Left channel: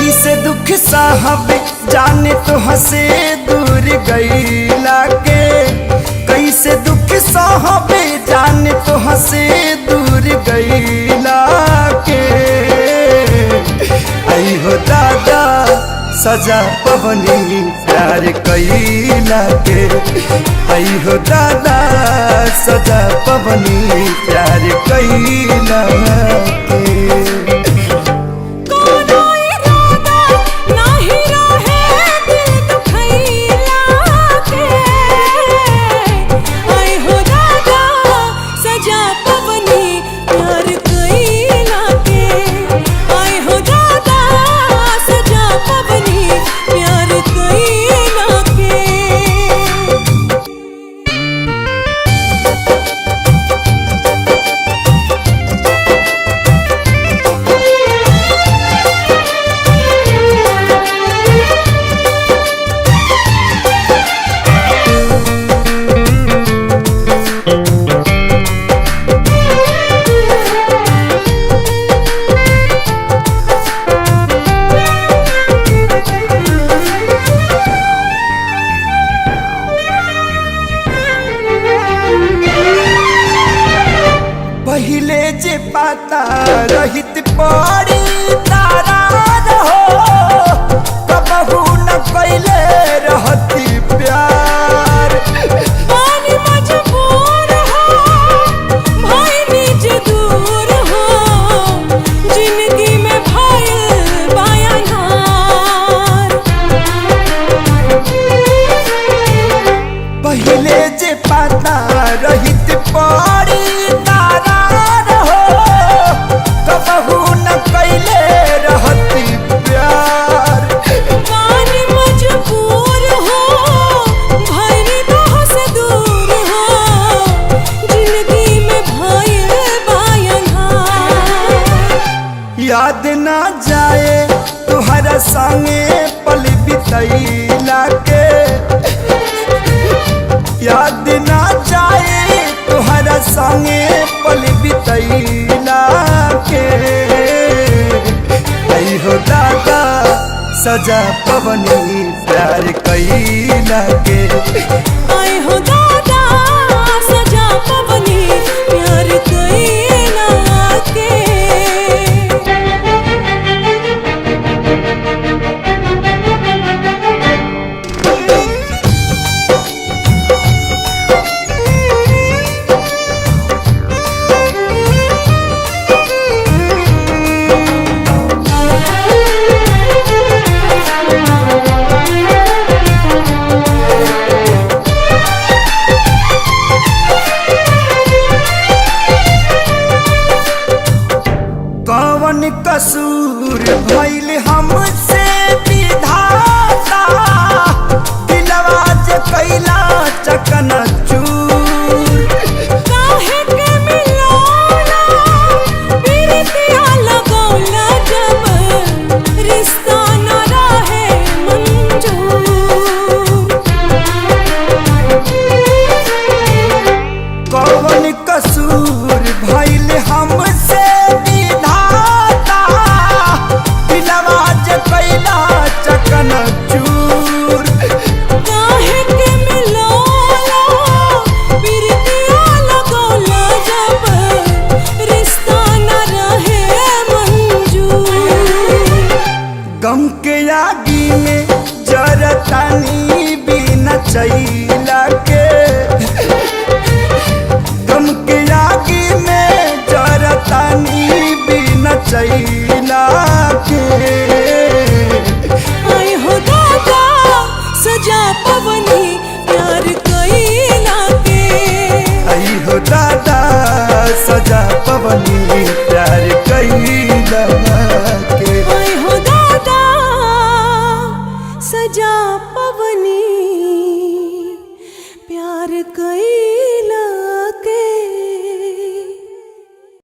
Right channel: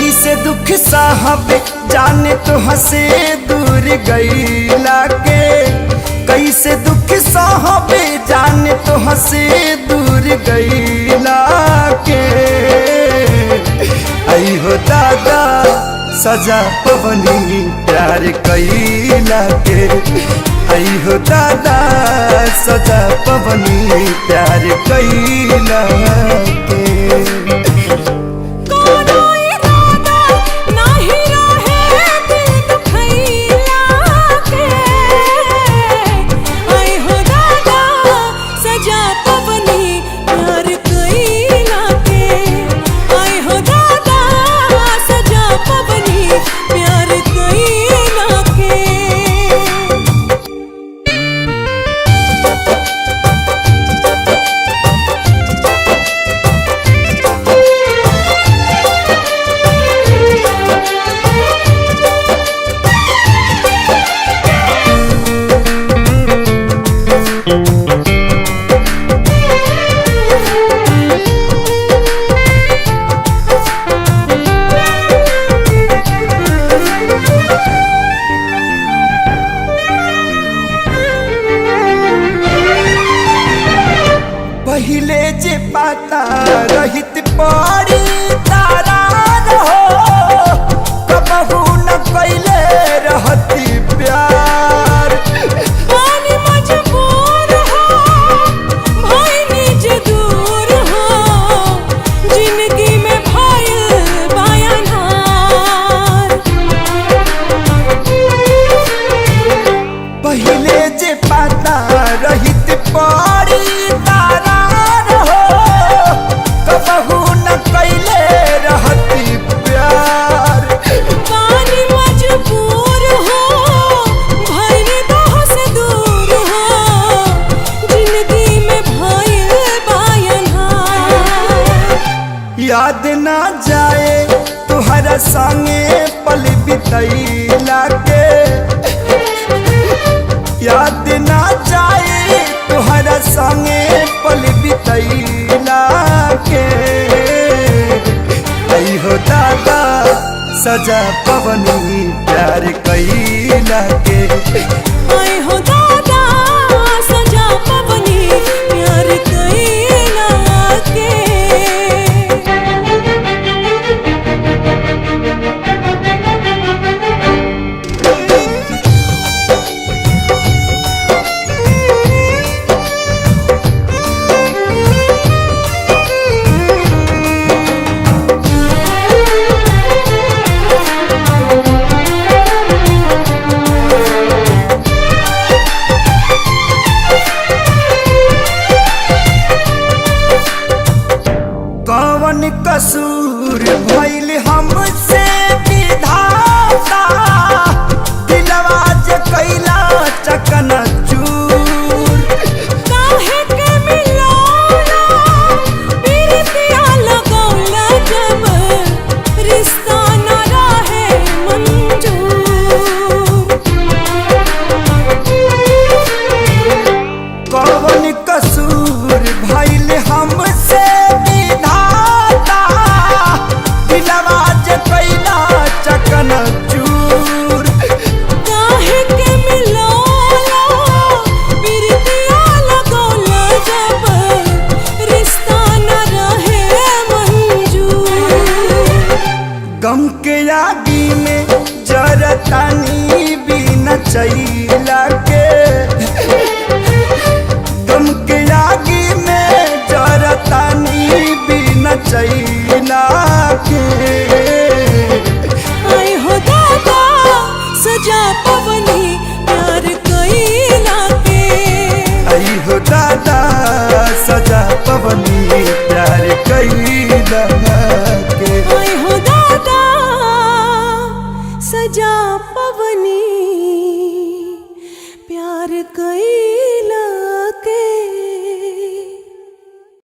कैसे दुख साहब जाने तो हंसे दूर गईला के, कैसे दुख साहब जाने तो हंसे दूर गईला के। आई हो दादा सजा पवनी प्यार कईला के, आई हो दादा सजा पवनी प्यार कईला के। पहिले जे पाता रहित पड़ी तारा रहो, कबहू न कैले रहती प्यार। पानी मजबूर हो भाई निज दूर हो, जिंदगी में भाई बायनहार। पहिले जे पाता रहित पड़ी तारा रहो, कबहू न कैले रहती प्यार। पानी मजबूर हो भाई दोह से दूर हो, जिंदगी में भाई बायनहार। याद ना जाए तुहरा संगे पल बितैला के, याद ना जाए तुहरा संगे पल बितैला के। आई हो दादा सजा पवनी प्यार कईला के, आई हो दादा सजा पवनी प्यार कईला के। कौन कसूर भइल हमसे विधाता, दिलवा जे कैला चकनाचूर। काहे के मिलौला प्रीतिया लगौला, जब रिश्ता न रहे मंजूर। कौन कसूर भइल हमसे विधाता, दिलवा जे कैला चकनाचूर। काहे के मिलौला प्रीतिया लगौला, जब रिश्ता न रहे मंजूर। गम के आगी में जरतानी बिना चैला के, गम के आगी में जरतानी बिना चैला के। आई हो दादा सजा पवनी प्यार कईला के, आई हो दादा सजा पवनी प्यार कईला के। आई हो दादा सजा पवनी प्यार कईला